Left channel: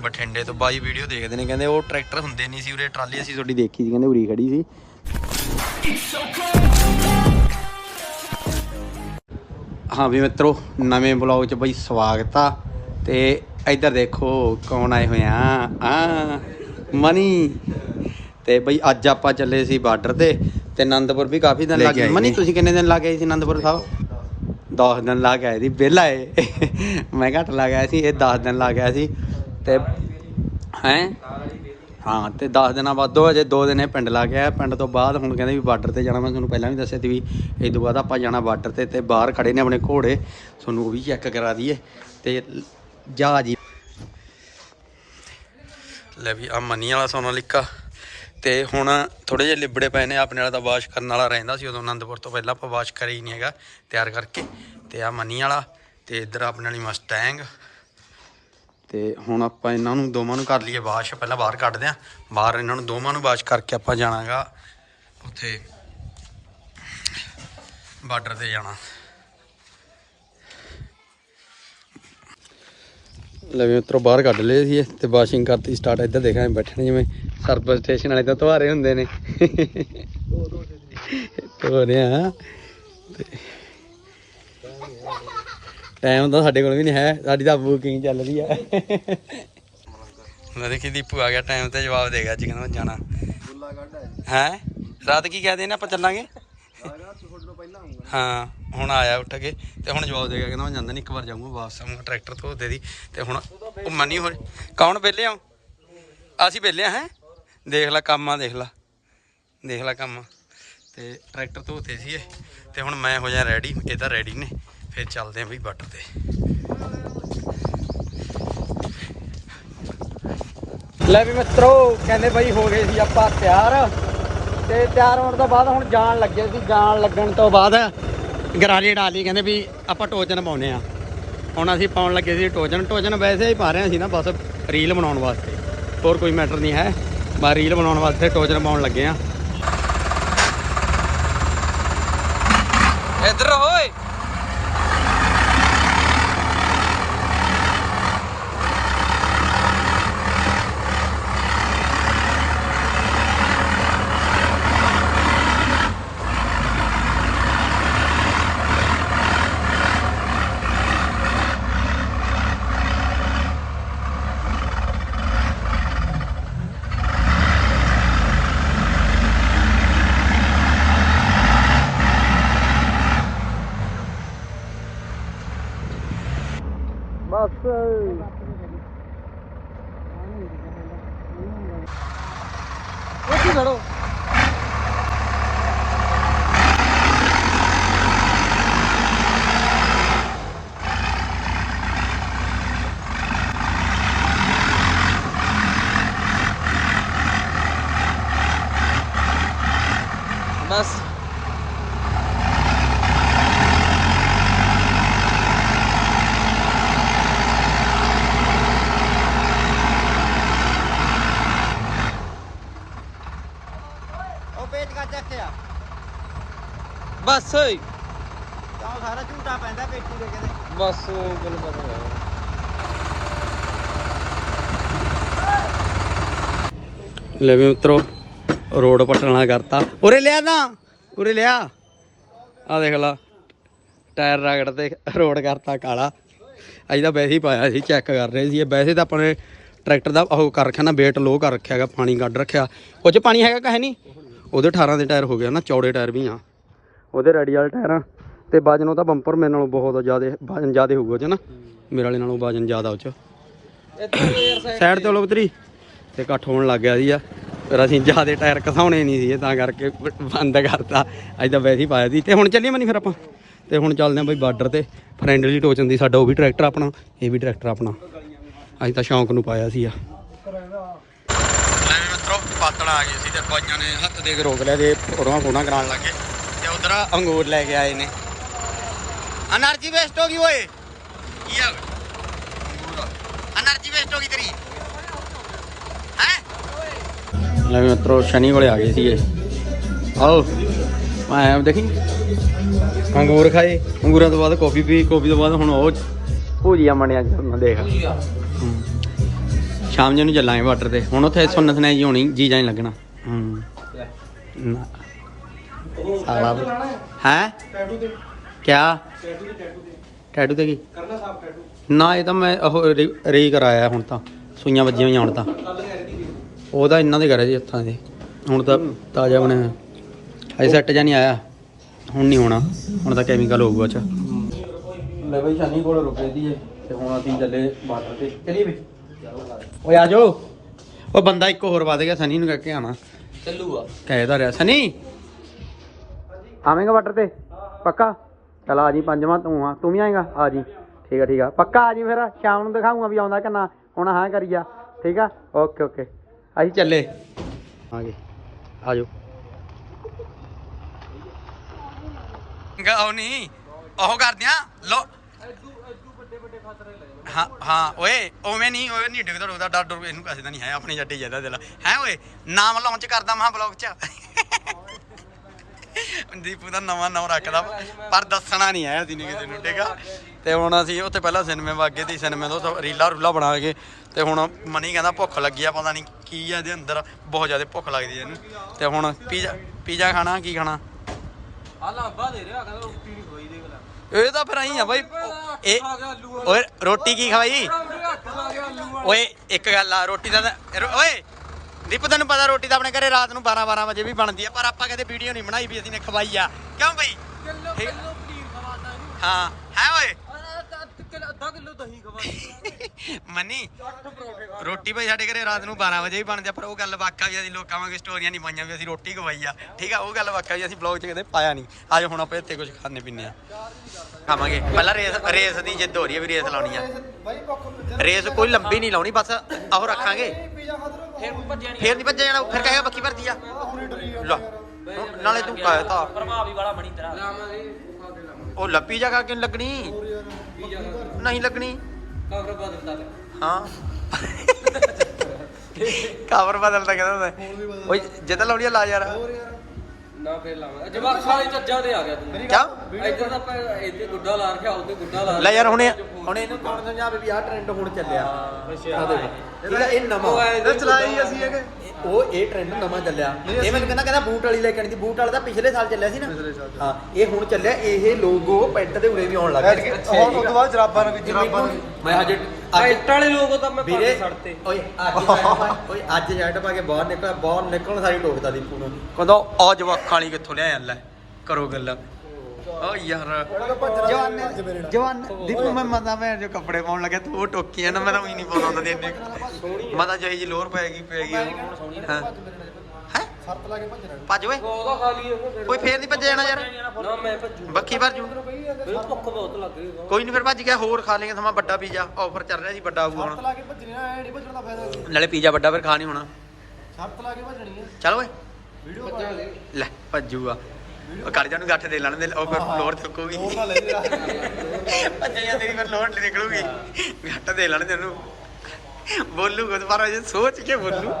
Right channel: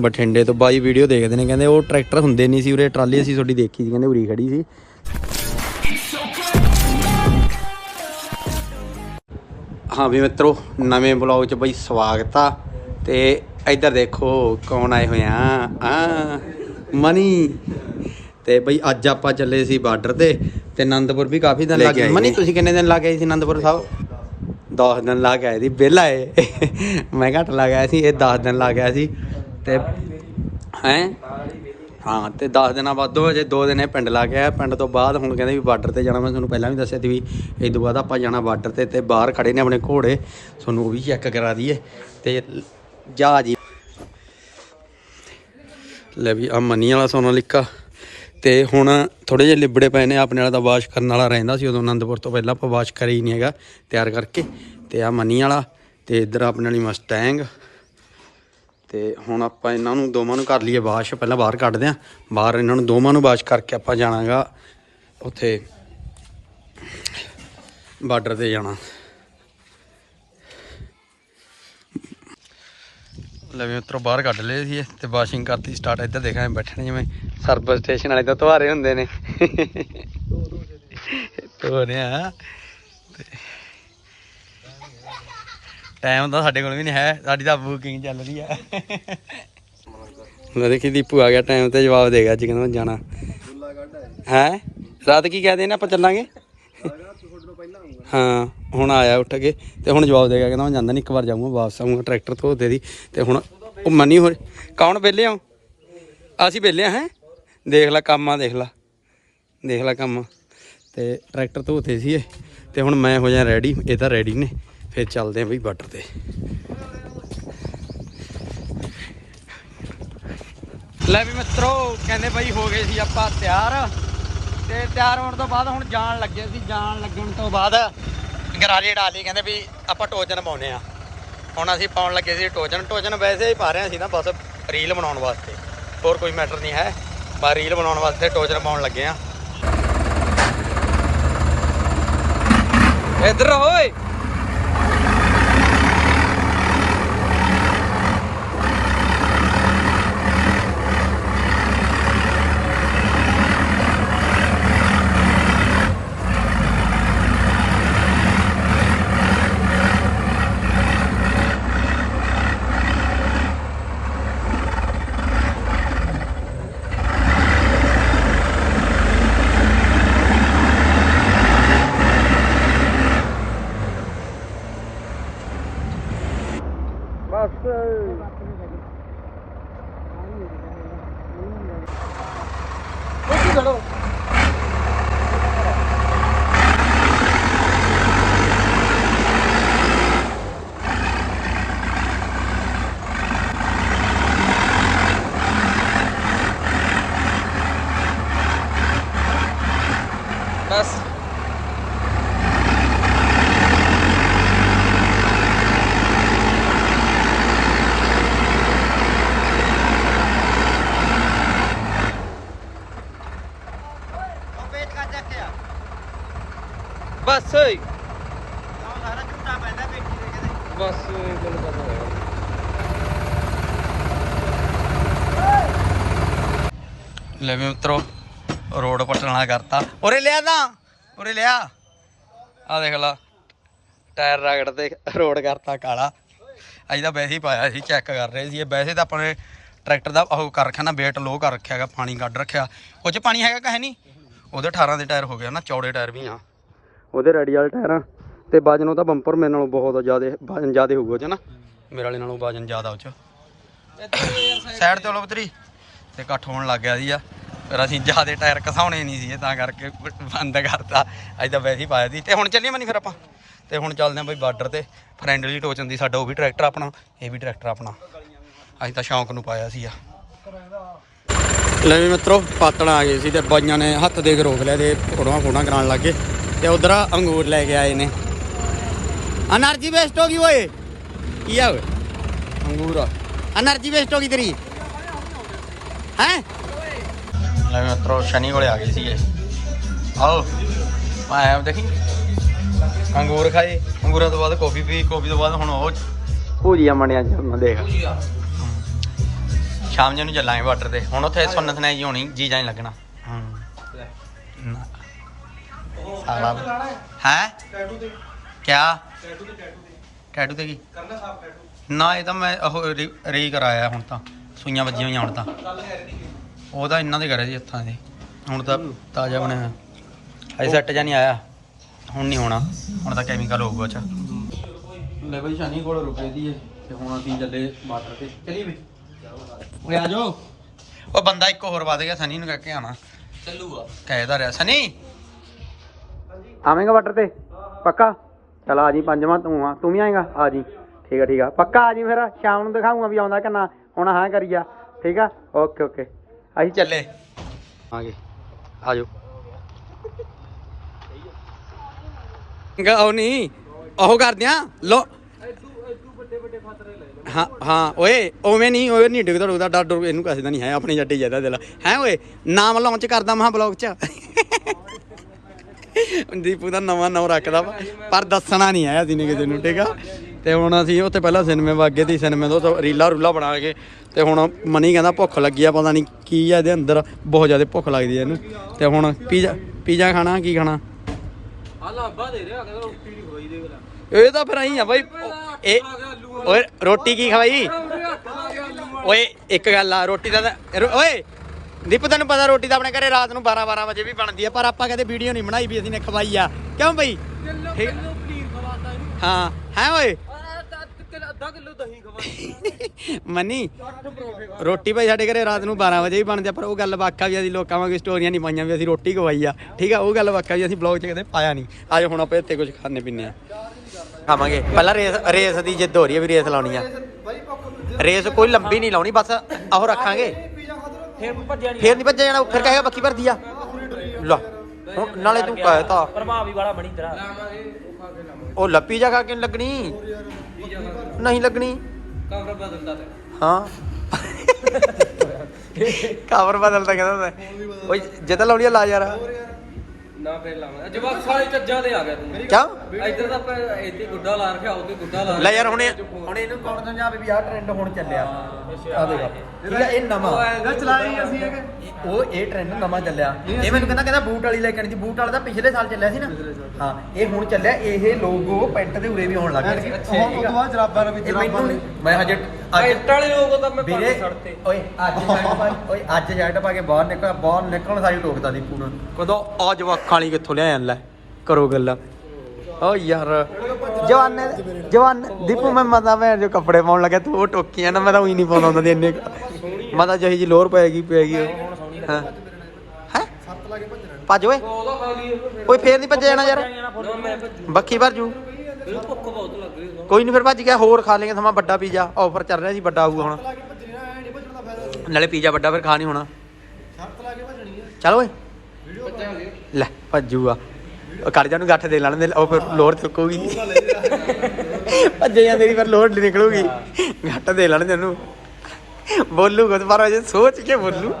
ਬਠਿੰਡੇ ਤੋਂ ਬਾਈ ਵੀਡੀਓ ਦੇਖਦੇ ਨੇ ਕਹਿੰਦੇ ਉਹ ਟਰੈਕਟਰ ਹੁੰਦੇ ਨਹੀਂ ਸੀ ਉਰੇ ਟਰਾਲੀ ਅਸੀਂ ਤੁਹਾਡੀ ਦੇਖੀ ਸੀ ਕਹਿੰਦੇ ਉਰੀ ਖੜੀ ਸੀ। ਹਾਂ ਵੀ ਮਿੱਤਰੋ ਨਵੇਂ ਬਲੌਗ 'ਚ ਬਈ ਸਵਾਗਤ ਆ ਤੇ ਇੱਧਰ ਦੇਖੋ ਕੌਣ ਆਏ ਹੋਏ ਆ ਆ ਮਨੀ। ਤੇ ਬਈ ਅੱਜ ਆਪਾਂ ਚੱਲੇ ਸੀ ਬਾਰਡਰ ਤੇ ਤੇ ਆਨੰਦਪੁਰ ਵੀ ਕਾਫੀ ਦਿਨ ਲੱਗ ਗਏ। ਮਨੀ। ਤੁਸੀਂ ਕਿੰਨੇ ਦਿਨ ਲਾ ਕੇ ਆਏ ਸੀ ਆਨੰਦਪੁਰ ਸਾਹਿਬ? 10 ਦਿਨ ਲਾ ਕੇ ਆਏ ਸੀ ਵਿਹਲਾ ਏ। ਮੈਂ ਘੱਟ ਲਾ ਆਇਆ ਸੀ ਇਹ 10 ਦਿਨ ਲਾ ਆਇਆ ਸੀ। ਤੇ ਹੈ? ਹਾਂ, ਤੇ 10 ਦਿਨਾਂ ਬਾਅਦ ਅਜੇ 2 ਦਿਨ ਇਹ ਪਿੰਡ ਲਾ ਕੇ ਆਇਆ ਪਿੰਡ ਤੋਂ ਬਾਅਦ ਹੁਣ ਕਹਿੰਦੇ ਵੀ ਬਾਰਡਰ ਤੇ ਜਾਣਾ। ਮੈਂ ਤੁਹਾਨੂੰ ਪਹਿਲਾਂ ਵੀ ਦੱਸਿਆ ਸੀ ਵੀ ਇਹ ਤੋਂ ਬਾਅਦ ਆਪਾਂ ਜਾਣਾ ਬਾਰਡਰ ਤੇ ਤੇ ਬਾਹਰ ਖੜੇ ਨੇ ਆਪਣੇ ਘੋੜੇ। ਤੁਹਾਨੂੰ ਉਹ ਵੀ ਚੈੱਕ ਕਰਾ ਦਈਏ। ਤੇ ਜਾ ਜੀ ਲੈ ਵੀ ਆ ਮਨੀ ਵਾਲਾ ਸੋਨਾਲਿਕਾ। ਤੇ ਹੁਣ ਥੋੜੇ ਜਿਹੇ ਲਿਬੜੇ ਪਏ ਨੇ। ਆਪਣੇ ਵਾਲਾ ਤਾਂ ਵਾਸ਼ ਕਰਨ ਵਾਲਾ ਰਹਿੰਦਾ ਸੀ। ਉਦੋਂ ਆਨੰਦਪੁਰ ਤੋਂ ਪਹਿਲਾਂ ਆਪਾਂ ਵਾਸ਼ ਕਰੀ ਹੀ ਨਹੀਂ ਹੈਗਾ। ਤਿਆਰ ਕਰਕੇ। ਤੇ ਆ ਮਨੀ ਵਾਲਾ। ਤੇ ਇੱਧਰ ਆਪਣੇ ਵਾਲੀ ਮਸਟੈਂਗ ਤੇ ਹੁਣ ਆਪਾਂ ਇਹਨਾਂ ਨੂੰ ਦੋਵਾਂ ਨੂੰ ਕਰ ਲਈਏ ਵਾਸ਼ ਪਹਿਲਾਂ ਬਾਹਰ ਕੱਢਦੇ ਆਂ ਬਾਹਰ ਇਹਨਾਂ ਨੂੰ ਦੋਵਾਂ ਨੂੰ ਵਾਸ਼ ਕਰਕੇ ਆਪਾਂ ਜਾਣਾਗਾ ਉੱਥੇ ਬਾਰਡਰ ਤੇ ਜਾਣਾ। ਲੈ ਵੀ ਮਿੱਤਰੋ, ਬਾਹਰ ਕੱਢ ਲਏ ਸੀ ਇਹ ਤੇ ਵਾਸ਼ਿੰਗ ਕਰਤੀ ਸਟਾਰਟ ਇੱਧਰ ਦੇਖਾਂ ਬੈਠਣ ਜਿਵੇਂ ਸਰਵਿਸ ਸਟੇਸ਼ਨ ਵਾਲੇ ਤਾਂ ਧਵਾਰੇ ਹੁੰਦੇ ਨੇ। ਧੋ ਰਿਆ ਟਾਈਮ ਤਾਂ ਸਾਡੇ ਕੋਲ ਵੀ ਨਹੀਂ ਹੈ, ਸਾਡੀ ਤਾਂ ਬੁਕਿੰਗ ਚੱਲ ਰਹੀ ਹੈ। ਲੈ ਦੇਖੀ ਦੀਪੂ ਆ ਗਿਆ ਟਾਈਮ ਤੇ ਜਵਾਬ ਦੇਗਾ ਅੱਜ, ਕਹਿੰਦਾ ਮੈਂ ਜਾਣਾ। ਹੈ? ਰਾਤ ਕੀ ਕਹਦੇ ਨੇ ਆਪਾਂ ਚੱਲਾਂਗੇ? ਹਾਂ, ਹੁਣ ਆਇਆ ਉੱਠ ਕੇ, ਤੇ ਹੁਣ ਜਵਾਬ ਦੇਗਾ ਕਹਿੰਦਾ ਮੈਂ ਜਾਂਦਾ ਨਹੀਂ ਇੱਕ ਵਾਰ ਜਾਊਂਗਾ, ਵਾਪਸ ਆਊਂਗਾ, ਟਰੈਕਟਰ ਧੋ ਦੇ ਦੀ, ਤੇ ਹੁਣ ਉਹ ਮਨੀ ਹੋ ਕੌਣ ਵਿਹਲੇ ਆ ਅਸੀਂ ਵਿਹਲੇ ਆ ਹੈ? ਦੇਖ ਲੈ ਕੰਮ ਆ, ਦੇਖ ਲੈ। ਦੇਖ ਲੈ ਕੰਮ। ਤੇ ਟਰੈਕਟਰ ਧੋਤੇ ਸੀ ਇਹ ਤੇ ਹੁਣ ਮੈਂ ਹੋ ਜਾ ਰੈਡੀ ਇਹ ਤਾਂ ਰੈਡੀ ਨੇ। ਫਿਰ ਚੱਲਦੇ ਆਂ ਬਈ ਬਾਰਡਰ ਤੇ। ਲੈ ਵੀ ਮਿੱਤਰੋ, ਕਹਿੰਦੇ ਬਈ ਹੋ ਗਏ ਸੀ ਆਪਾਂ ਤਿਆਰ ਤੇ ਤਿਆਰ ਹੋਣ ਤੋਂ ਬਾਅਦ ਹੁਣ ਜਾਣ ਲੱਗੇ ਸੀ। ਜਾਣ ਲੱਗਣ ਤੋਂ ਬਾਅਦ ਗਰਾਰੀ ਡਾਲੀ ਕਹਿੰਦੇ ਵੀ ਆਪਾਂ ਟੋਜਨ ਪਾਉਨੇ ਆ। ਹੁਣ ਅਸੀਂ ਪਾਉਣ ਲੱਗੇ ਸੀ ਟੋਜਨ। ਟੋਜਨ ਵੈਸੇ ਹੀ ਪਾ ਰਹੇ ਸੀ ਨਾ, ਬਸ ਰੀਲ ਬਣਾਉਣ ਵਾਸਤੇ। ਹੋਰ ਕੋਈ ਮੈਟਰ ਨਹੀਂ ਹੈ। ਮੈਂ ਰੀਲ ਬਣਾਉਣ ਵਾਸਤੇ ਟੋਜਨ ਪਾਉਣ ਲੱਗੇ ਆ। ਇੱਧਰ ਹੋਏ ਬਸ ਉੱਥੇ ਖੜੋ ਬਸ ਬਸ ਓਏ ਬਸ ਗੱਲ ਪਤਾ ਹੈ ਲੈ ਵੀ ਮਿੱਤਰੋ, ਰੋਡ ਪਟਣਾ ਕਰਤਾ। ਉਰੇ ਲਿਆ ਤਾਂ, ਉਰੇ ਲਿਆ। ਆ ਦੇਖ ਲਾ, ਟਾਇਰ ਰਗੜ ਤੇ ਰੋਡ ਕਰਤਾ ਕਾਲਾ। ਅਜੇ ਤਾਂ ਵੈਸੇ ਹੀ ਪਾਇਆ ਸੀ ਚੈੱਕ ਕਰ ਰਹੇ ਸੀ। ਵੈਸੇ ਤਾਂ ਆਪਣੇ ਟਰੈਕਟਰ ਦਾ ਉਹ ਕਰ ਰੱਖਿਆ ਨਾ, weight ਲੋ ਕਰ ਰੱਖਿਆ ਹੈਗਾ, ਪਾਣੀ ਕੱਢ ਰੱਖਿਆ। ਉਹ ਚ ਪਾਣੀ ਹੈਗਾ ਕਹੇ ਨਹੀਂ? ਉਹਦੇ 18 ਦੇ ਟਾਇਰ ਹੋ ਗਿਆ ਨਾ, ਚੌੜੇ ਟਾਇਰ ਵੀ ਆ। ਉਹਦੇ ਰੈਡੀ ਵਾਲੇ ਟਾਇਰਾਂ ਤੇ ਵਜਨ ਉਹਦਾ ਬੰਪਰ ਮੇਰੇ ਨਾਲੋਂ ਬਹੁਤ ਜ਼ਿਆਦਾ, ਵਜਨ ਜ਼ਿਆਦਾ ਹੋਊਗਾ ਉਹ ਚ ਨਾ ਮੇਰੇ ਵਾਲੇ ਨਾਲੋਂ ਵਜਨ ਜ਼ਿਆਦਾ ਉਹ ਚ। ਸਾਈਡ ਤੇ ਲੋ ਬਤਰੀ ਤੇ ਇਕੱਠ ਹੋਣ ਲੱਗ ਗਿਆ ਸੀ ਆ ਫਿਰ ਅਸੀਂ ਜ਼ਿਆਦਾ ਟਾਇਰ ਘਸਾਉਣੇ ਨਹੀਂ ਸੀ ਤਾਂ ਕਰਕੇ ਬੰਦ ਕਰਤਾ। ਅੱਜ ਤਾਂ ਵੈਸੇ ਹੀ ਪਾਇਆ ਸੀ। ਤੇ ਹੁਣ ਚੱਲੀਏ ਮਨੀ ਫਿਰ ਆਪਾਂ। ਤੇ ਹੁਣ ਚੱਲਦੇ ਆਂ ਬਈ ਬਾਰਡਰ ਤੇ। ਫਰੈਂਡਲੀ ਟੋਚਨ ਦੀ ਸਾਡਾ ਉਹ ਵੀ ਟਰੈਕਟਰ ਆਪਣਾ, ਇਹ ਵੀ ਟਰੈਕਟਰ ਆਪਣਾ। ਅਸੀਂ ਤਾਂ ਸ਼ੌਂਕ ਨੂੰ ਪਾਇਆ ਸੀ ਆ ਲੈ ਵੀ ਮਿੱਤਰੋ, ਪਾਤੜ ਆ ਗਏ ਸੀ ਤੇ ਬਾਈਆਂ ਨੇ ਹੱਥ ਦੇ ਕੇ ਥੋੜਾ ਥੋੜਾ ਕਰਾਉਣ ਲੱਗੇ। ਤੇ ਉਧਰ ਅੰਗੂਰ ਲੈ ਕੇ ਆਏ ਨੇ। એનર્જી વેસ્ટ હોગી ઓએ क्या होए अंगूर એનર્જી વેસ્ટ હોગી ਤੇਰੀ હે ਲੈ ਵੀ ਉਤਰੋ ਸ਼ਨੀ ਕੋਲੇ ਆ ਗਏ ਸੀਗੇ ਆਓ ਮੈਂ ਦੇਖੀ ਅੰਗੂਰ ਖਾਏ ਅੰਗੂਰਾਂ ਤੋਂ ਬਾਅਦ ਕਾਫੀ ਪੀ ਕਾਫੀ ਤੋਂ ਬਾਅਦ ਹੁਣ ਉਹ ਭੂਜੀਆ ਮੰਡਿਆ ਚ ਮੈਂ ਦੇਖ। ਸ਼ਾਮ ਜੇ ਨੂੰ ਚੱਲਾਂਗੇ ਵਾਟਰ ਤੇ। ਹੁਣ ਉੱਥੇ ਸੁੰਨਤ ਨੇ ਜੀ ਹੋਣੀ ਜੀ ਜਾਈ ਲੱਗਣਾ। ਹੂੰ। ਆਲਾ ਹੈ? ਟੈਟੂ ਕਿਆ? ਟੈਟੂ ਤੇ ਕੀ? ਨਾ ਇਹ ਤਾਂ ਮੈਂ ਉਹ ਰੀ- ਕਰਾਇਆ ਹੁਣ ਤਾਂ। ਸੂਈਆਂ ਵੱਜੀਆਂ ਹੋਈਆਂ ਹੁਣ ਤਾਂ। ਉਹਦਾ ਇਹਨਾਂ ਦੇ ਕਰਿਆ ਜੀ ਹੱਥਾਂ ਦੇ। ਹੁਣ ਤਾਂ ਤਾਜ਼ਾ ਬਣਿਆ ਅਜੇ ਸੈੱਟ ਜਾਂ ਨਹੀਂ ਆਇਆ। ਹੁਣ ਨਹੀਂ ਹੋਣਾ। ਹੁਣ ਤਾਂ ਕੈਮੀਕਲ ਹੋਊਗਾ ਚ। ਲੈ ਬਈ ਸ਼ਾਨੀ ਕੋਲ ਰੁਕੇ ਦੀ ਤੇ ਹੁਣ ਅਸੀਂ ਚੱਲੇ ਵਾਟਰ ਤੇ। ਚਲੀ ਵੀ ਓਏ ਆ ਜਾਓ। ਉਹ ਬੰਦਾ ਇੱਕ ਹੋਰ ਵੱਧ ਗਿਆ ਸਨੀ ਨੂੰ ਕਹਿ ਕੇ ਆਣਾ ਚੱਲੂਗਾ। ਕਹਿਦਾ ਰਿਹਾ ਸਨੀ? ਆਵੇਂਗਾ ਵਾਟਰ ਤੇ? ਪੱਕਾ? ਚਲ ਆ ਜੀ, ਪੰਜਵਾਂ ਤੂੰ ਆ, ਤੂੰ ਵੀ ਆਏਗਾ? ਆ ਜੀ, ਠੀਕ ਆ ਠੀਕ ਆ। ਪੱਕਾ ਆ ਜੀ ਫਿਰ? ਸ਼ਾਮ ਨੂੰ ਦਿਖਾਉਂਗਾ ਵੀ ਆਉਂਦਾ ਕਿ ਨਾ। ਹੁਣ ਹਾਂ ਕਰੀਆ, ਠੀਕ ਆ? Okay okay. ਅਸੀਂ ਚੱਲੇ। ਆ ਗਏ। ਆ ਜਾਓ। ਗਾ ਉਹ ਨਹੀਂ, ਉਹ ਕਰਦਿਆਂ ਲੋ। ਹਾਂ ਹਾਂ, ਓਏ, ਉਵੇਂ ਨਹੀਂ, ਓਏ ਨਹੀਂ ਡਿੱਗਦਾ ਡੁੱਗਦਾ ਡਰ ਡਰ ਇਹਨੂੰ ਕਿਸੇ ਦਾ ਨਹੀਂ ਹੈ, ਆਪਣੇ ਜੱਟੇ ਜ਼ਿਆਦਾ ਦਿਲ। ਹੈ ਓਏ, ਨਾਮ ਲਾਂਚ ਕਰਦਾ ਮਹਾ ਬਲੌਗ ਚ। ਦੀਪੂ ਦਾ ਨਵਾਂ ਨਾਮ ਰੱਖਦਾ ਵਾ, ਪਰ ਦੱਸਣਾ ਨਹੀਂ ਆਇਆ ਸੀ ਨੇ ਕਿਸੇ ਨੂੰ ਠੀਕ ਆ? ਤੇ ਹੁਣ ਅਸੀਂ ਉੱਥੇ ਪਹਿਲਾਂ ਸਿਨੇਮੇ ਵਾਗੇ ਤੇ ਸਿਨੇਮੇ ਤੋਂ ਉੱਥੋਂ ਰੀਲਾ ਰੂਲਾ ਬਣਾ ਕੇ ਤੇ ਹੁਣ ਮਨੀ ਕਹਿੰਦਾ ਭੁੱਖ ਲੱਗੀ ਆ ਪਤਾ ਨਹੀਂ ਕੀ ਆ ਇਹਦੇ ਅੰਦਰ ਬਹੁਤ ਜ਼ਿਆਦਾ ਭੁੱਖ ਲੱਗਦੀ ਆ ਇਹਨੂੰ। ਤੇ ਹੁਣ ਪੀਜ਼ਾ ਪੀਜ਼ਾ ਖਾਣਾ ਕੀ ਖਾਣਾ? ਆ ਲਾਬਾ ਦੇ ਰਿਹਾ ਕਹਿੰਦਾ ਰੋਟੀ ਨਹੀਂ ਖਵਾਈ ਦੇ ਗਲਾ ਇਹ ਤਾਂ ਫਿਰ ਆਈ ਆ ਬਾਈ ਇਹ ਓਏ ਰੋਟੀ ਕੀ ਖਵਾਈ? ਓਏ ਇੱਕ ਗੱਲ ਆ ਰੋਟੀ ਦਾ ਤਾਂ- ਰੋ- ਓਏ ਦੀਪ ਤੈਨੂੰ ਪਤਾ ਰੋਟੀ ਤਾਂ ਆਪਣੇ ਘਰੇ ਰਾਤ ਨੂੰ 12 12 ਵਜੇ ਵੀ ਬਣਦੀ ਆ ਪਰ ਆਪਾਂ ਕਦੇ ਵੀਡੀਓ ਨਹੀਂ ਬਣਾਈ ਵੀ ਅਸੀਂ ਨੇ ਖਵਾਈ ਆ। ਕਿਉਂ ਬਈ? ਠੀਕ- ਹਾਂ। ਹੈ ਓਏ? ਮਨੀ? ਰੋਟੀ ਭਾਈ ਸਾਡੇ ਘਰੇ ਰਾਤ ਨੂੰ 12 ਵਜੇ ਵੀ ਬਣਦੀ ਆ ਪਰ ਉਹ ਗੱਲ ਵਾਕਾ ਵੀ ਅਸੀਂ ਲੋਕਾਂ ਵਾਂਗ ਸਟੋਰੀਆਂ ਨਹੀਂ ਪਾਈਆਂ ਵੀ ਅਸੀਂ ਰੋਟੀ ਖਵਾਈ ਆ। ਠੀਕ ਆ ਉਹ ਗੱਲ ਵਾਕਾ ਵੀ ਅਸੀਂ ਬਲੌਗ 'ਚ ਕਦੇ ਪਾਇਆ ਨਹੀਂ। ਅੱਜ ਹੁਣ ਆਪਾਂ ਇੱਥੇ ਕੁਝ ਖਾਣੇ ਪੀਣੇ ਆ। ਖਾਵਾਂਗੇ। ਪਹਿਲਾਂ ਰੇਸ ਰੇਸ ਦੀ ਜਿੱਦ ਹੋ ਰਹੀ ਹੈ ਵੀ ਰੇਸ ਲਾਉਣੀ ਆ। ਰੇਸ ਕੋਈ ਲੰਬੀ ਨਹੀਂ ਲਾਉਣੀ ਬਸ ਆਹੋ ਰੱਖਾਂਗੇ। ਫੇਰ ਭੱਜਿਆ ਨਹੀਂ। ਫੇਰ ਨਹੀਂ ਭੱਜਿਆ ਜਾਣਾ ਫਿਰ ਕਹੇਗਾ ਬੱਕੀ ਭਰਦੀ ਆ। ਲਾ ਹੁਣ ਨਾਲੇ ਤੂੰ ਕਹਿ ਤਾ। ਪ੍ਰਭਾਵ ਵੀ ਵਾਲਾ ਬਣੀ ਤਰ੍ਹਾਂ। ਲਾਵਾਂਗੇ ਉਹ ਲੱਪੀ ਜਾ ਕਰਕੇ ਲੱਗਣੀ? ਨਹੀਂ ਲੱਗਣੀ? ਕਮਰਾ ਬਦਲਦਾ ਤੇ ਹਾਂ। ਕਵਰ ਬਦਲਦਾ ਕਹਿੰਦਾ ਮੈਂ। ਓਏ ਜੇ ਤਾਂ ਲਾਉਣੀ ਆ ਲਾ ਯਾਰ। ਨਾ ਫੇਰ ਲਾਵਾਂਗੇ। ਜਵਾਕ ਸਾਲੇ ਚੱਜਾਂ ਤੇ ਆ ਗਿਆ ਤੂੰ। ਕਿਉਂ ਇੱਧਰ ਤਾਂ ਆਪਾਂ ਇੱਥੇ ਗੁੱਡਾ ਲਾ ਰੱਖਿਆ ਉੱਥੇ ਗੁੱਡਾ ਲਾ ਲੈ ਯਾਰ ਹੁਣ ਹੁਣ ਇਹਨੂੰ ਕੌਣ ਸਮਝਾਵੇ ਵੀ ਆਹ ਟ੍ਰੈਂਡ ਹੁਣ ਚੱਲਿਆ? ਆ ਦੇਖ। ਇਹਦਾ ਇਹ ਨਵਾਂ। ਚਲਾਈ ਅਸੀਂ ਇਹ ਉਹ ਇਹ ਟ੍ਰੈਂਡ ਨਵਾਂ ਚੱਲਿਆ। ਇਹ ਮੈਨੂੰ ਕਹਿੰਦਾ ਕਹਿੰਦਾ ਬੂਟ ਵਾਲੀ ਲੈ ਕੇ ਆਣੀ ਸੀ। ਬੂਟ ਵਾਲਾ ਤਾਂ ਪਿਛਲੇ ਸਾਲ ਚੱਲਿਆ ਸੀ ਨਾ। ਹਾਂ ਇਹ ਹੁਣ ਚੱਲਿਆ। ਇਹ ਲੋਗੋ ਪੈਂਟ ਦੇ ਉਰੇ ਵੀ ਆਉਣ ਲੱਗ ਗਿਆ ਹੁਣ ਉਸ ਤੋਂ ਬਾਅਦ ਜਰਾਬਾਂ ਨੂੰ ਵੀ ਇਹ ਮੈਨੂੰ ਨੀ- ਮੈਂ ਹਜੇ ਅੱਜ ਪੈਂਟ ਵਾਲੇ ਲੋਕ ਤਾਂ ਮੈਂ ਵੀਰੇ ਛੱਡਤੇ ਓਏ ਅੱਜ ਸ਼ਰਟ ਪਾ ਓਏ ਅੱਜ ਸ਼ਰਟ ਪਾ ਕੇ ਬਾਹਰ ਨਿਕਲ ਬਾਹਰ ਨਿਕਲਣ ਸਾਰੀ ਟੋਕਦਾ ਦੀਪੂ ਨੂੰ ਕਹਿੰਦਾ ਆ ਜਵਾਖਾਂ ਵਾਲੀ ਕਿੱਥੋਂ ਲਿਆ ਲੈ? ਕਰੋ ਗੱਲ। ਓ ਯਾਰ ਜਵਾਨ ਜਵਾਨ ਦੀਪੂ ਮੈਂ ਮਤਾ ਮੈਂ ਜੋ ਕੱਪੜੇ ਪਾਉਣ ਲੱਗਾ ਤੂੰ ਉਹ ਟੋਕੀਆਂ ਨਾ ਮੈਂ ਤਾਂ ਉਹੀ ਨਹੀਂ ਪਾਉਂਦਾ ਹੁੰਦਾ ਦੀ ਇੰਨੇ ਮਤਾ ਜਹੀ ਜੀ ਲੋਰ ਪਏਗੀ ਪਏਗੀ ਹਾਂ? ਹੈ? ਸਰਤ ਲਾ ਕੇ ਭੱਜਣਾ ਭੱਜ ਓਏ ਫਿਰ ਓਏ ਫੇਰ ਨਹੀਂ ਭੱਜ ਜਾਣਾ ਯਾਰ। ਨਾ ਮੈਂ ਭੱਜੂ। ਬੱਕੀ ਭਰ ਜੂ। ਮੈਨੂੰ ਭੁੱਖ ਬਹੁਤ ਲੱਗ ਰਹੀ ਹੈ ਕੋਈ ਨਹੀਂ ਫਿਰ ਭੱਜ ਗਿਆ ਹੋਰ ਖਾ ਲੇਗੇ ਸਮਾਂ ਵੱਡਾ ਪੀਜ਼ਾ। ਆਫਰ ਚੱਲ ਰਿਹਾ ਸੀ ਵੱਡਾ ਆਊਗਾ ਹੁਣ। ਲਾ ਕੇ ਭੱਜਣੀ ਐ ਨਹੀਂ ਭੱਜਣ ਦਾ ਫਾਇਦਾ ਨਾਲੇ ਪੀਜ਼ਾ ਵੱਡਾ ਫਿਰ ਖਾ ਨਹੀਂ ਹੋਣਾ। ਸ਼ਰਤ ਲਾ ਕੇ ਭੱਜਣੀ ਐ ਚੱਲ ਓਏ। ਲੈ ਭੱਜੂਗਾ। ਉਹ ਕਰ ਜਾ ਨੂੰ ਗੱਠ ਦੇ ਲੈਣ ਦੇ ਉਹ ਫਿਰ ਲੋੜ ਚੁੱਕੂਗੀ। ਭੱਜੇ ਜਾਂ ਤੇਰੀ ਫਿਰ ਲੋੜ ਨਹੀਂ ਨਿਕਲੂਗੀ। ਗੱਠ ਦੇ ਲੈਣ ਦੇ ਉਹਨੂੰ। ਬੋਲੂ ਕੁਝ ਪਰ ਅਜੇ ਸੋਚ ਕੇ ਬੋਲੂ।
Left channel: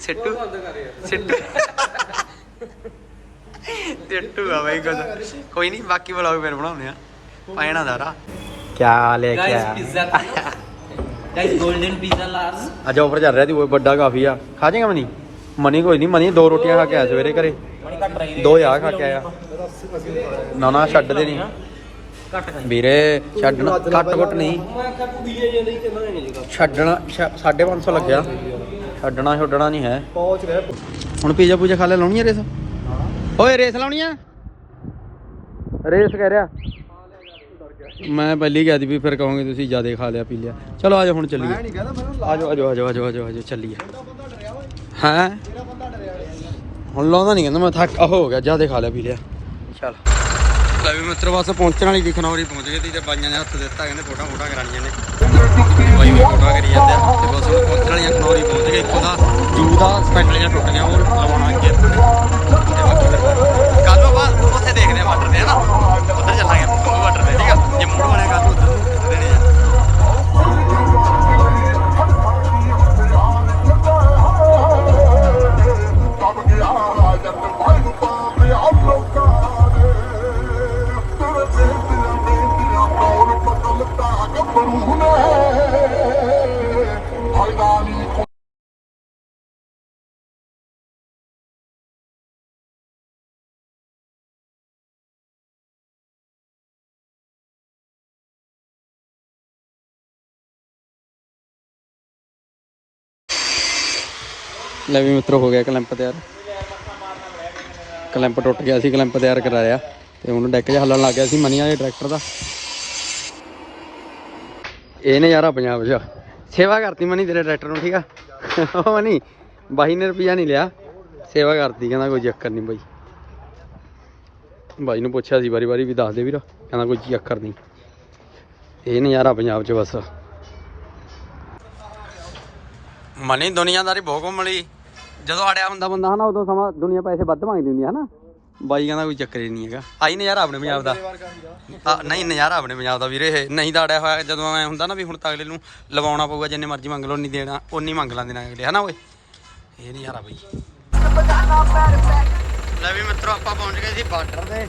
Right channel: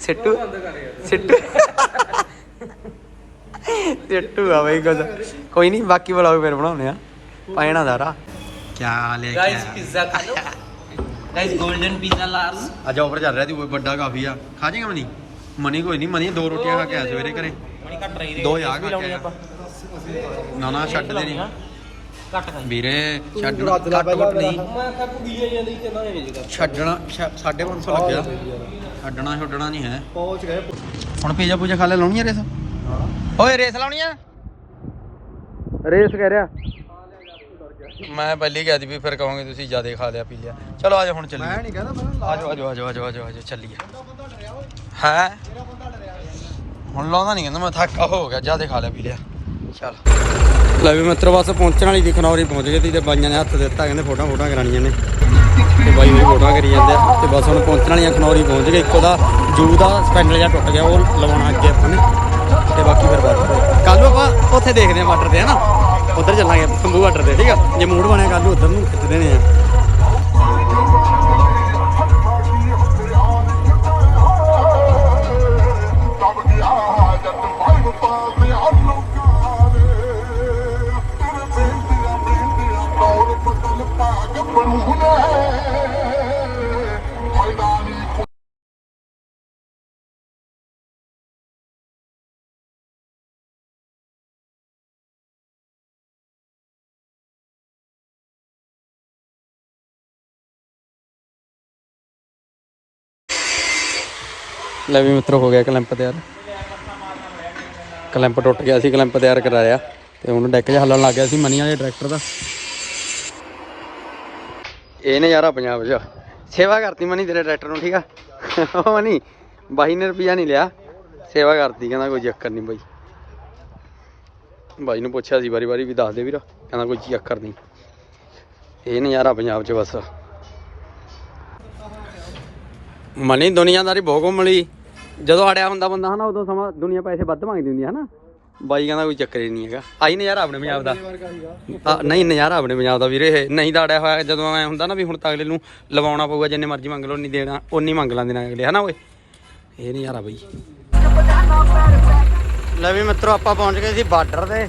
ਸਿੱਟੂ ਸਿੱਟੂ। ਆ ਬਈ ਕੁਝ ਕੋਈ ਨਹੀਂ ਬਾਕੀ ਵਲੌਗ ਫਿਰ ਬਣਾਉਣੇ ਆ। ਪੈਣਾ ਦਾਰਾ ਕਿਆ ਲੈ ਕੇ ਗਾਇਸ 골ਡਨ ਪੀਜ਼ਾ ਲਾਸ ਅੱਜ ਉੱਪਰ ਚੱਲ ਰਿਹਾ ਸੀ ਉਹ ਵੱਡਾ ਕਾਫੀ ਆ। ਖਾ ਜਾਏਗਾ ਮਨੀ? ਮਨੀ ਕੋਈ ਨਹੀਂ ਮਨੀ ਦੋ ਰੋਟੀਆਂ ਖਾ ਕੇ ਆਇਆ ਸਵੇਰੇ ਘਰੇ। ਕੱਟ ਦੋ ਯਾਰ ਖਾ ਕੇ ਆਇਆ। ਨਾ ਨਾ ਛੱਡਦੇ ਨਹੀਂ ਕੱਟ ਖਾਈ ਵੀਰੇ ਛੱਡਣਾ ਘੱਟ ਘੁੱਟ ਨਹੀਂ। ਮੈਂ ਤੂੰ ਕਿੰਨਾ ਛੱਡਣਾ 550 ਲੱਗਿਆ। ਛੱਡਣਾ ਛੱਡਣਾ ਨਹੀਂ ਹੈ। ਪਹੁੰਚ ਗਏ। ਹੁਣ ਪੀਜ਼ਾ ਪੂਜਾ ਖਾ ਲੈ ਲਾਉਣੀ ਆ ਰੇਸ? ਓਏ ਰੇਸ ਲਾਉਣੀ ਆ? ਰੇਸ ਕਹਿ ਰਿਹਾ। ਮੈਂ ਪਹਿਲੀ ਕਹਿ ਦੀ ਵੀ ਫਿਰ ਕਹੋਗੇ ਤੁਸੀਂ ਜ਼ਿਆਦਾ ਖਾ ਲਿਆ ਪੀ ਲਿਆ। ਚਲੋ ਆਜੋ ਹੁਣ ਚੱਲੀਏ। ਆਜੋ ਆਜੋ ਆਜੋ ਆਜੋ ਆਜੋ ਆਜੋ ਚੱਲੀਏ। ਹਾਂ? ਹੁਣ ਲਾਉਂਦਾ ਨਹੀਂ ਕਹਿੰਦਾ ਮੈਂ ਥੱਕ ਹੋ ਗਿਆ ਜ਼ਿਆਦਾ ਖਾ ਲਿਆ ਪੀ ਲਿਆ। ਚੱਲ। ਲੈ ਵੀ ਮਿੱਤਰ ਬਸ ਪਹੁੰਚਣ ਵਾਲੀ ਦੀ ਖਨੌਰੀ ਪਹੁੰਚ ਗਏ ਸੀ ਤੇ ਬਾਈਆਂ ਨੇ ਹੱਥ ਦਿੱਤਾ ਕਹਿੰਦੇ ਫੋਟੋਆਂ ਫੋਟੋਆਂ ਕਰਾਣੀਆਂ ਨੇ। ਬਾਈ ਹੋਈ ਫੋਟੋਆਂ ਕਰੀ ਜਾਂਦੇ ਆ। ਤੇ ਬਸ ਹੁਣ ਪਹੁੰਚਣ ਵਾਲੀਆਂ ਖਨੌਰੀ ਪਹੁੰਚ ਗਏ। ਇੱਕ ਉਹਦਾ ਜੂ ਦਾ ਸਪੈਂਡਲ ਜਿਹਾ ਟੁੱਟ ਗਿਆ ਉਹ ਲਵਾਉਣਾ ਅੱਗੇ ਆਪਾਂ ਨੇ। ਤੇ ਬਾਕੀ ਫਿਰ ਕੱਲ ਨੂੰ ਆਪਾਂ ਉੱਥੇ ਦੇਖਦੇ ਆ ਵਾਟਰ ਤੇ ਹਨਾ ਉੱਧਰ ਚੱਲਾਂਗੇ ਸੰਭੂ ਵਾਟਰ ਤੇ, ਠੀਕ ਆ? ਜੇ ਮੂਡ ਬਣਿਆ ਕੱਲ ਨੂੰ ਉੱਧਰ ਨੂੰ ਖਿੱਚ ਦੇਣੇ ਆ? ਲੈ ਵੀ ਮਿੱਤਰੋ ਹੋ ਗਿਆ ਕਲੈਂਪ ਤਿਆਰ। ਕਲੈਂਪ ਟੁੱਟ ਗਿਆ ਸੀ, ਕਲੈਂਪ ਤਿਆਰ ਕਰਾਇਆ ਤੇ ਹੁਣ ਡੈਕ 'ਚ ਹੱਲਣ ਲੱਗ ਗਿਆ ਸੀ ਮਨੀ ਵਾਲੇ ਟਰੈਕਟਰ ਦਾ। ਇਹ ਨਜ਼ਾਰਾ ਪੰਜਾਬ 'ਚ ਸੇਵਾ ਕਰਤੀ ਮਨੀ ਤੇਰੇ ਟਰੈਕਟਰ ਨੂੰ, ਠੀਕ ਆ? ਉਹ ਮਨੀ, ਬਾਈ ਨੇ ਰੁਪਿਆ ਨਹੀਂ ਲਿਆ। ਸੇਵਾ ਕਰਤੀ, ਕਹਿੰਦਾ ਕੋਈ ਚੱਕਰ ਨਹੀਂ ਬਾਈ। ਬਾਈ ਨੂੰ ਪੁੱਛਿਆ ਸੀ ਵਾਰੀ ਵਾਰੀ ਵੀ ਦੱਸ ਦੇ ਵੀਰ, ਕਹਿੰਦਾ ਕੋਈ ਚੱਕਰ ਨਹੀਂ। ਇਹ ਨਜ਼ਾਰਾ ਪੰਜਾਬ 'ਚ ਬਸ। ਮਨੀ ਦੁਨੀਆਦਾਰੀ ਬਹੁਤ ਘੁੰਮ ਲਈ। ਜਦੋਂ ਅੜਿਆ ਹੁੰਦਾ ਬੰਦਾ ਹਨਾ ਉਦੋਂ ਸਮਾਂ ਦੁਨੀਆ ਪੈਸੇ ਵੱਧ ਮੰਗਦੀ ਹੁੰਦੀ ਹੈ ਹਨਾ। ਬਾਈ ਕਹਿੰਦਾ ਕੋਈ ਚੱਕਰ ਹੀ ਨਹੀਂ ਹੈਗਾ। ਆਈ ਨਜ਼ਾਰਾ ਆਪਣੇ ਪੰਜਾਬ ਦਾ। ਆ, ਨਹੀਂ ਨਜ਼ਾਰਾ ਆਪਣੇ ਪੰਜਾਬ ਦਾ ਵੀਰੇ ਇਹ। ਨਹੀਂ ਤਾਂ ਅੜਿਆ ਹੋਇਆ ਜਦੋਂ ਐ ਹੁੰਦਾ ਨਾ ਵੀ ਹੁਣ ਤਾਂ ਅਗਲੇ ਨੂੰ ਲਵਾਉਣਾ ਪਊਗਾ ਜਿੰਨੇ ਮਰਜ਼ੀ ਮੰਗ ਲਓ ਨਹੀਂ ਦੇਣਾ ਉਨੀ ਮੰਗ ਲੈਂਦੇ ਨੇ ਅਗਲੇ ਹਨਾ ਓਏ। ਇਹ ਨਜ਼ਾਰਾ ਬਈ। ਲੈ ਵੀ ਮਿੱਤਰੋ ਆਪਾਂ ਪਹੁੰਚ ਗਏ ਸੀ ਬਾਰਡਰ ਤੇ।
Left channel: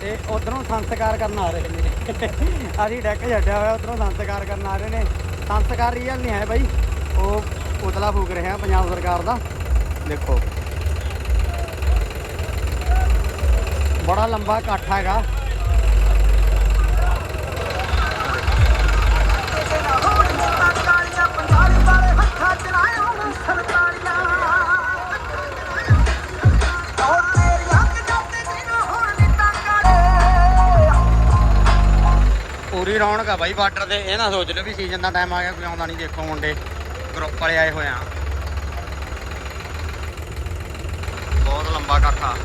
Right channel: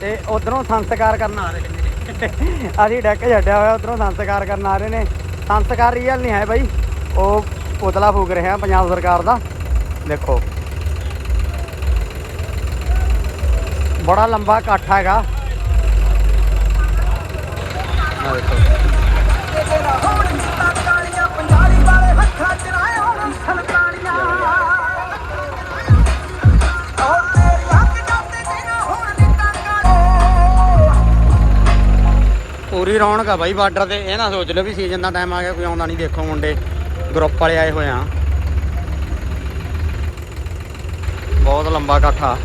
ਤੇ ਉਧਰੋਂ ਸੰਸਕਾਰ ਕਰਨ ਆ ਰਹੇ ਨੇ। ਅਸੀਂ ਡੈਕ ਛੱਡਿਆ ਹੋਇਆ ਉਧਰੋਂ ਸੰਸਕਾਰ ਕਰਨ ਆ ਰਹੇ ਨੇ। ਸੰਸਕਾਰ ਰੀਅਲ ਨਹੀਂ ਹੈ ਬਾਈ। ਉਹ ਪੁਤਲਾ ਫੂਕ ਰਿਹਾ ਪੰਜਾਬ ਸਰਕਾਰ ਦਾ। ਦੇਖੋ। ਬੜਾ ਲੰਬਾ ਇਕੱਠ ਹੈਗਾ। ਆ ਦੇਖੋ। ਪੂਰੀ ਰੌਣਕ ਆ ਬਾਈ ਬਾਰਡਰ ਤੇ। ਇਹ ਨਾ ਸੋਚ ਲਿਓ ਵੀ ਸੀਜ਼ਨ ਦਾ ਟਾਈਮ ਆ ਗਿਆ, ਕੋਈ ਆਉਂਦਾ ਨਹੀਂ ਦੇਖੋ ਮੁੰਡੇ। ਗਰੁੱਪ ਵਾਲੇ ਆਏ ਹੋਏ ਆ। ਬਹੁਤ ਲੰਬਾ ਇਕੱਠਾ।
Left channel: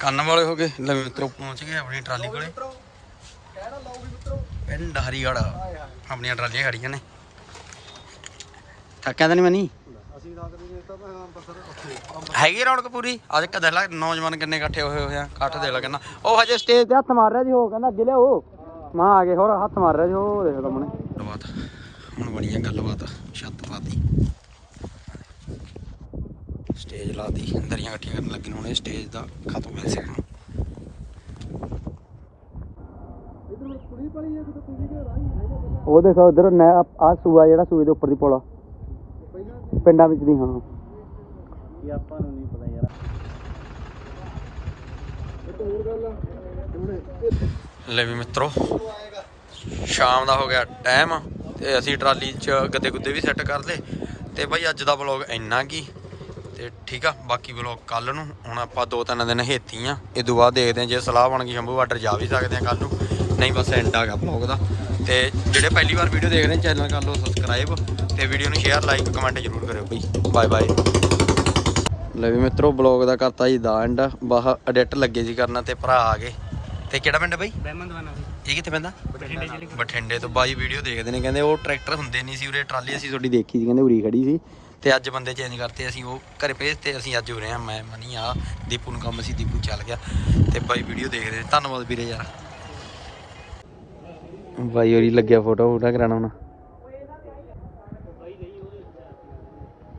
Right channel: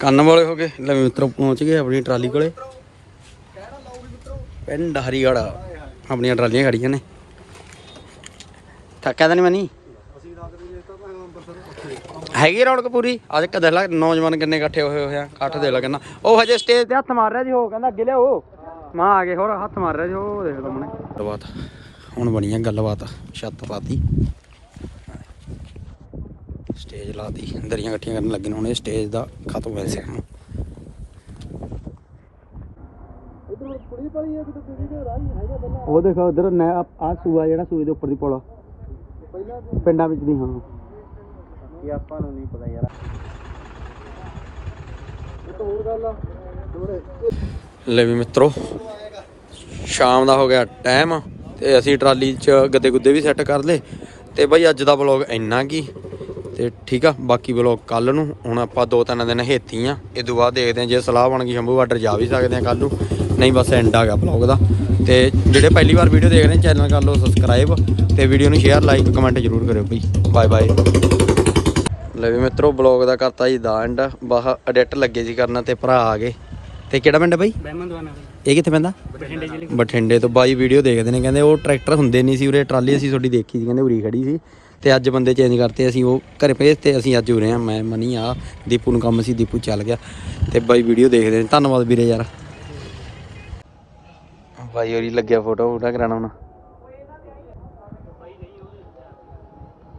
ਕੰਨ ਵਾਲੇ ਹੋ ਗਏ, ਲੈ ਮਿੱਤਰੋ ਪਹੁੰਚ ਗਏ ਆਪਣੀ ਟਰਾਲੀ ਕੋਲੇ। ਪਿੰਡ ਹਰੀਗੜ੍ਹ ਆਪਣੀਆਂ ਟਰਾਲੀਆਂ ਖੜੀਆਂ ਨੇ। ਥੱਕਿਆ ਤਾਂ ਨਹੀਂ ਮਨੀ ਹੈਗੀ ਰੌਣਕ ਪੂਰੀ? ਅੱਜ ਕਦੇ ਲਾ, ਨੌਜਵਾਨ ਕਿੰਨੇ ਇਕੱਠੇ ਹੋਏ ਹੋਏ ਆ, ਇਕੱਠ ਦੇ ਲਾ ਕਹਿੰਦਾ ਉਹ ਹਜੇ ਸਟੇਜ ਤੇ ਹੱਥ ਮਾਰ ਰਿਹਾ ਜੀ, ਉਹ ਕਹਿੰਦਾ ਅੱਗੇ ਲਿਆਓ। ਮਾਂ ਆ ਗਏ ਹੋਰ ਹੱਥ ਮਾਰ ਰਿਹਾ ਜੀ ਉਹ ਦੇਖ ਲਓ ਮਨੇ ਗੱਲਬਾਤ। ਹੁਣ ਬਣੀ ਗੱਲਬਾਤ ਛੱਤ ਪਾਤੀ ਸਟੇਜ ਲਾਤੀ। ਦਰੀਆਂ ਇਕੱਠੀਆਂ ਕਰਨ ਲੱਗੇ ਨੇ ਹੁਣ ਇਹ ਸਟੇਜ ਦਾ ਖਤਮ ਹੋਇਆ ਸੀ ਹੁਣ ਉਹ ਦੇਖੋ ਉਧਰ ਆ ਸੂਆ ਜਿਹੜਾ ਸੂਏ ਦੇ ਉੱਪਰ ਦੀ ਪੁਲ ਪਿੰਡਾਂ ਵਿੱਚ ਦੀ ਹਾਂ। ਇਹ ਆਪਾਂ ਨੂੰ ਨਹੀਂ ਪਤਾ ਯਾਰ। ਇੱਕ ਹੋਰ ਗੱਲ ਆ ਲੈ ਵੀ ਮਿੱਤਰੋ, ਸ਼ਾਮ ਦਾ ਹੋ ਗਿਆ ਟਾਈਮ ਤੇ ਅਸੀਂ ਟਰਾਲੀ 'ਚ ਗੱਦੇ ਗੁੱਦੇ ਵੀ ਸੈੱਟ ਕਰ ਲਏ ਤੇ ਬਈ ਅੱਜ ਦਾ ਵਲੌਗ ਇੰਨਾ ਕੀ ਤੇ ਠੀਕ ਆ, ਬਾਕੀ ਵਲੌਗ ਕੱਲ ਨੂੰ, ਹੁਣ ਆਪਾਂ ਦੋ ਤਿੰਨ ਦਿਨ ਹੇਤੀ ਆ, ਇਹ ਤੋਂ ਬਾਅਦ ਦੇਖਦੇ ਆ ਜੇ ਸਲਾਹ ਬਣ ਗਈ ਸ਼ੰਭੂ ਬਾਰਡਰ ਜਾ ਵੀ ਸਕਦੇ ਆ ਕੱਲ ਨੂੰ, ਨਹੀਂ ਬਸ ਐਂਡ ਆ ਗਿਆ ਵਲੌਗ ਦਾ ਤੇ ਜਿਹੜੇ ਪਹਿਲੀ ਵਾਰ ਵੀਡੀਓ ਦੇਖ ਰਹੇ ਚੈਨਲ ਕਰ ਲਓ ਸਬਸਕ੍ਰਾਈਬ ਤੇ ਵੀਡੀਓ ਨੂੰ ਸ਼ੇਅਰ ਲਾਈਕ ਕਮੈਂਟ ਜ਼ਰੂਰ ਕਰਿਓ ਬਈ ਬਾਏ ਬਾਏ ਲੈ ਵੀ ਮਿੱਤਰੋ ਵਲੌਗ ਦਾ ਕਰਤਾ ਜੀ ਦਾ ਐਂਡ ਬਾਹ ਐਡਿਟ ਲੱਗੇ ਜੀ ਕਰਨਾ ਤੇ ਭਰਾ ਆ ਗਏ। ਤੇ ਕਿਹੜਾ ਪਿੰਡ ਹੈ ਬਈ? ਬਹਿਮੰਦਵਾਨਾ ਬਈ। ਇਹ ਕਿੱਥੇ ਪੈਂਦਾ? ਬਠਿੰਡੇ ਜ਼ਿਲ੍ਹੇ ਬਠਿੰਡੇ ਤੋਂ ਬਾਈ ਵੀਡੀਓ ਦੇਖਦੇ ਨੇ ਕਹਿੰਦੇ ਉਹ ਟਰੈਕਟਰ ਹੁੰਦੇ ਨਹੀਂ ਸੀ ਉਰੇ ਟਰਾਲੀ ਅਸੀਂ ਤੁਹਾਡੀ ਦੇਖੀ ਸੀ ਕਹਿੰਦੇ ਉਰੀ ਖੜੀ ਸੀ। ਤੇ ਅੱਜ ਬੰਦੇ ਚੇਂਜ ਕਰਤੇ ਅਸੀਂ ਉਹ ਘਰੇ ਭੇਜ ਤੇ ਅਸੀਂ ਅੱਜ ਉਰੇ ਆ ਮੈਂ ਮਨੀ ਆ ਦੀਪੂ ਨੂੰ ਕੰਮ ਸੀ ਦੀਪੂ ਚੱਲ ਗਿਆ। ਤੇ ਬਾਈ ਵੀਡੀਓ ਦੇਖਦੇ ਨੇ ਧੰਨਵਾਦ ਵੀਰੇ ਯਾਰ। ਬਾਈ ਹੋਰੀ ਲੱਗਿਆ ਫੋਟੋ ਫੋਟਾ ਕਰਾਉਣਾ ਹੁਣ।